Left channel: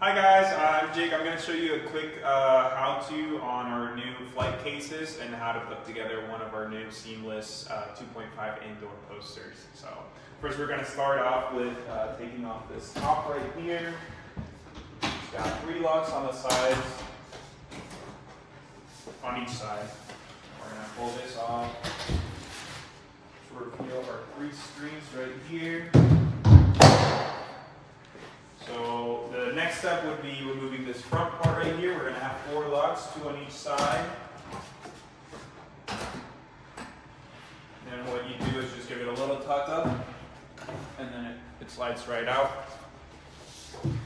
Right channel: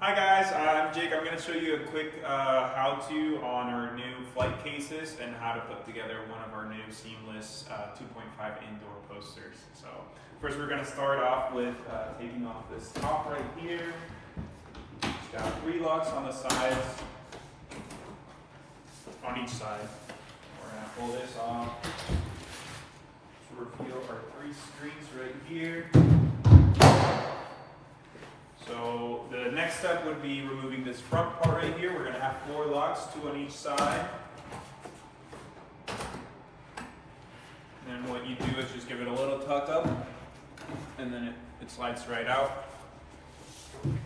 Hi guys, I'm Jake. I'm going to show you a quick how-to on our new flight cases and how to put together one of our new seamless 2.5 indoor posters. So first we're going to start off with taking off this top right here. It's got 3 locks on the sides, on each side. We're going to pull this off to reveal our 3 screens right here. So the next step would be removing this front part right here. We're going to have 4 locks, 2 on each side. And what you do is just give it a little tuck up, and then it slides right out. And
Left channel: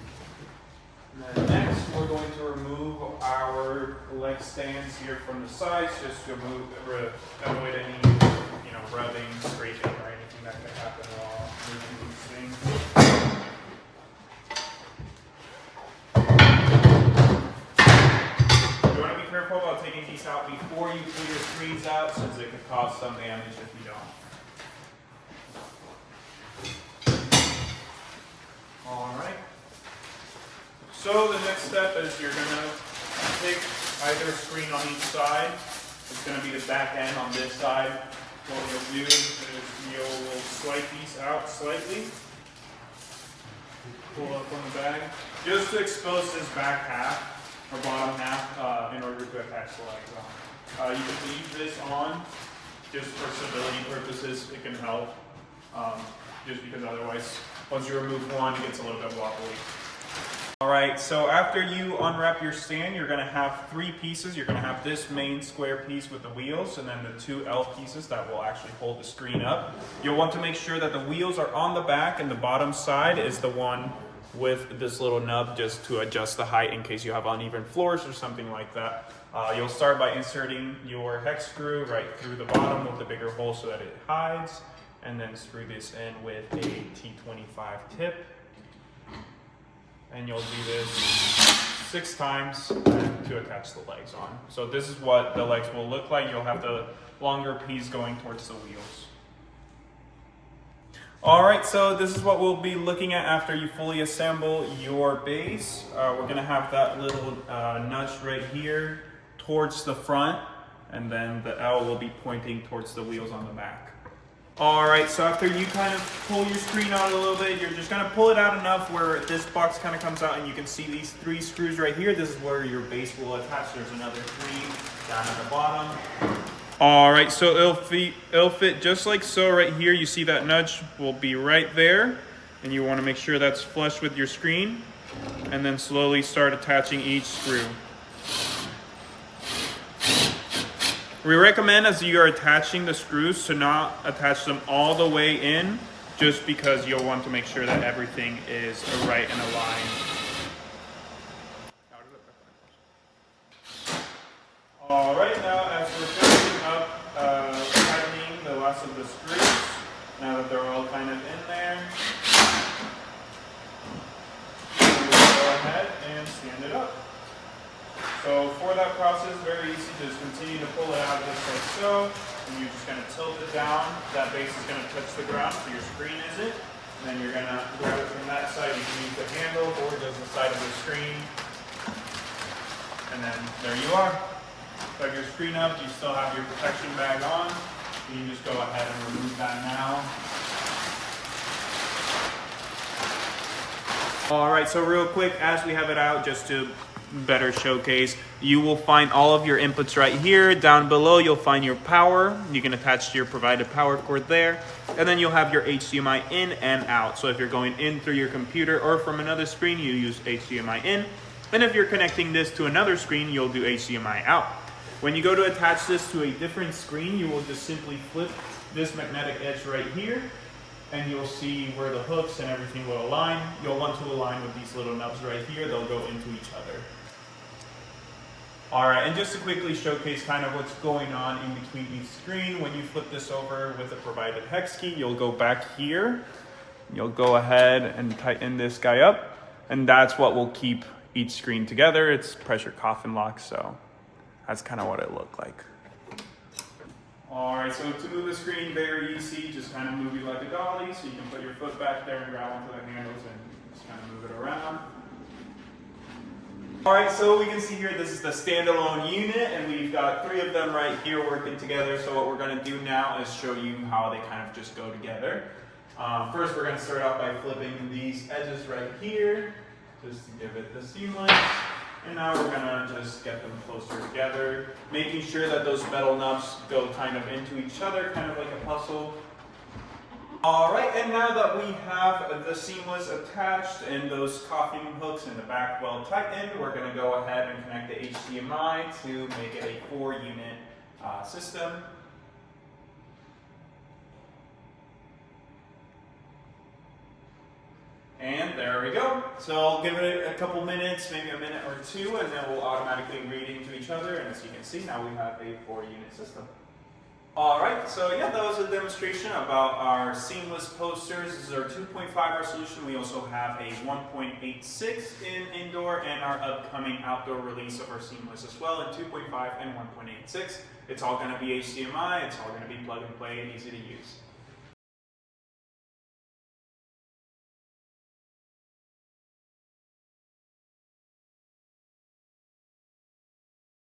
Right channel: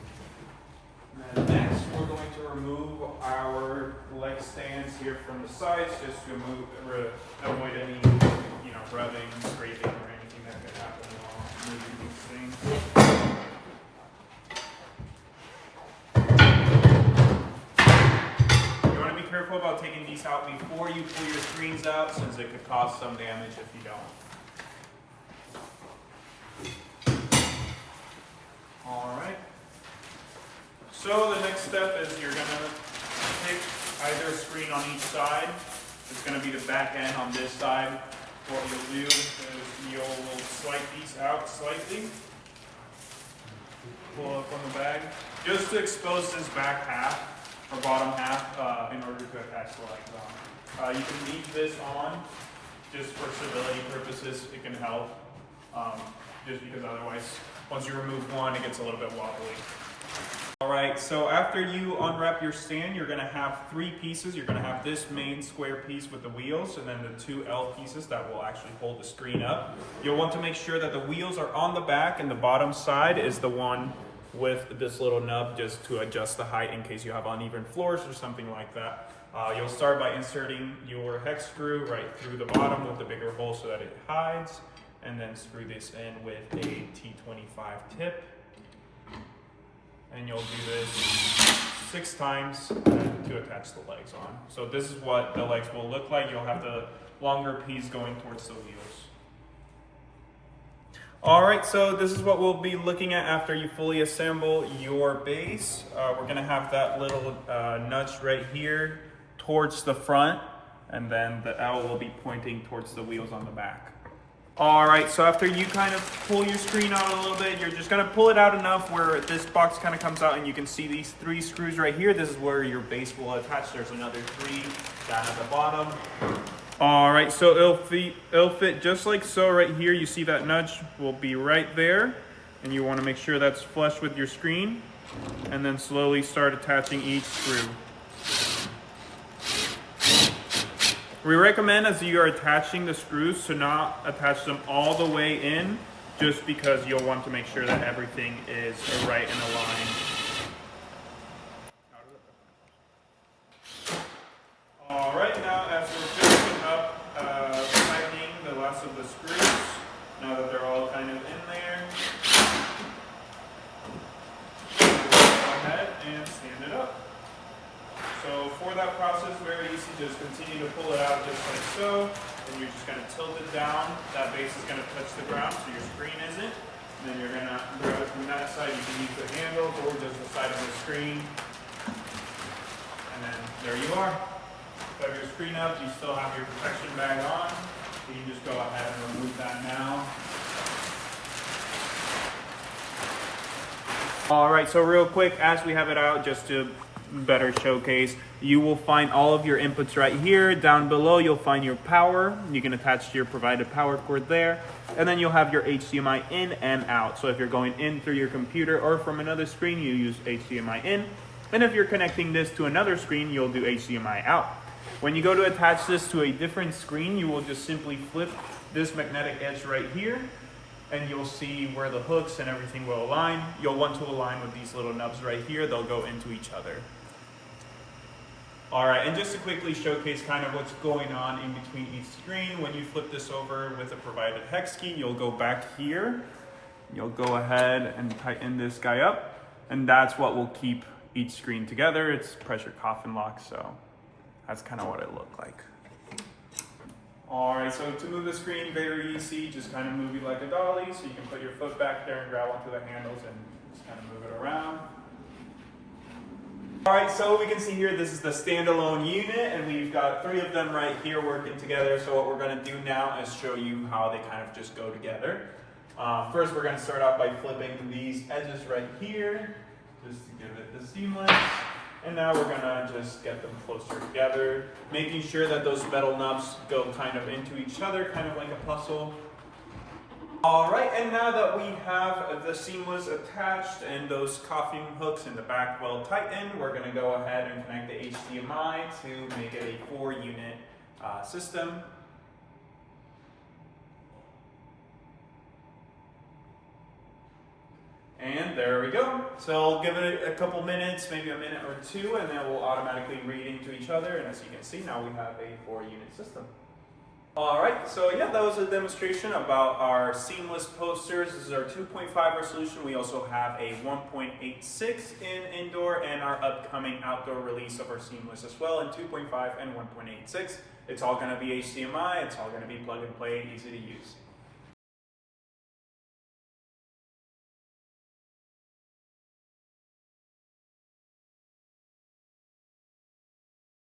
then next, we're going to remove our leg stands here from the sides, just to avoid any, rubbing, scraping, or anything that could happen while moving these things. Careful about taking these out before you pull your screens out, since it could cause some damage if you don't. Alright. So the next step is you're going to pick either screen on each side. It's going to be the back end on this side. What you'll do is you'll swipe these out slightly. Pull up on the bag. Just to expose this back half. Or bottom half in order to attach the legs on. You can leave this on just for stability purposes. It can help just because otherwise once you remove one it gets a little bit wobbly. Alright, so after you unwrap your stand you're going to have 3 pieces. You're going to have this main square piece with the wheels and then the 2 L pieces that will actually hold the screen up. You'll want to make sure that the wheels are on the back and the bottom side is the one with this little nub just to adjust the height in case you have uneven floors or something like that. You'll start by inserting your hex screw right through the bottom with the bigger hole so that it hides, and then screw this in with a T25 tip. And you'll do this 6 times to attach the legs on. So this is what the legs will look like. You'll have the longer piece going towards the wheels. Alright, so this is what we'll be looking at after you fully assemble your base. We're going to have that little nudge right here towards the front, and then the L will be pointing towards the wheels on the back. Alright, so after you kind of pull your screen out a little bit, you're just going to pull it out enough where this box kind of comes out and you can see these 3 screws right here. This is where your base will attach. There's another 3 down at the bottom. Alright, so it'll fit just like so right here. You see that nudge will be right there, and you want to make sure that's flush with your screen, and then slowly start attaching each screw. We recommend as you are attaching the screws to not attach them all the way in, just because you'll want to make sure that everything is right and aligned. Alright, now as we're finishing up tightening the last of the screws, now that they're all kind of in there, we'll go ahead and stand it up. So for that process, very easy, just continue to pull it out just like so, and you're just going to tilt it down. That base is going to touch the ground, so your screen isn't. And then you're going to grab it from that side. You can use the handle or just the side of the screen. And then there you are. Have your screen up, you still have your protection bag on. You can just go ahead and remove that now. Alright, so real quick, as we have it out, just to better showcase, you will find all of your inputs right here. Down below, you'll find your power. You can attach to your provided power cord there. And then you'll have your HDMI in and out. So if you're going in through your computer or from another screen, you use HDMI in. And if you're connecting this to another screen, you'll do HDMI out. When you go to attach this to a different screen, you will just simply flip this magnetic edge right here, and you'll see where the hooks and everything will align. You'll want to align with these little nubs right here. They'll go into each other. Alright, and just to quickly showcase kind of what's going on in between each screen, when you flip this over with a provided hex key, you'll go back here. You'll go ahead and tighten this guy up, and that's what will keep each screen together. It's pressure coffin lock, so that's kind of what it looked like. Alright, so to move the screen, very easy. Just kind of move it like a dolly, so you can put your foot back there and grab onto the handles and just kind of move it around. All right, so we can see here, this is the standalone unit, and we've got 3 of them right here working together. So what we're gonna do now is show you how they kind of just go together. First, we're gonna start off by flipping these edges right here, just to give it the seamless. And now we're gonna just get them closer together, making sure that those metal nubs go kind of into each other, kind of like a puzzle. All right, and now that we have the seamless attached and those cuffing hooks in the back well tightened, we're gonna go ahead and connect the HDMI to make it a 4-unit system. And there we go. So I'll give it a couple minutes, maybe a minute or 2, and then we'll automatically read into each other. And as you can see, now we have a 4-unit system. All right, so yeah, that was a demonstration about our seamless posters. This is our 2.5 resolution. We also have a 1.86 in indoor and our upcoming outdoor release of our seamless as well in 2.5 and 1.86. It's all going to be HDMI. It's all going to be plug and play, easy to use.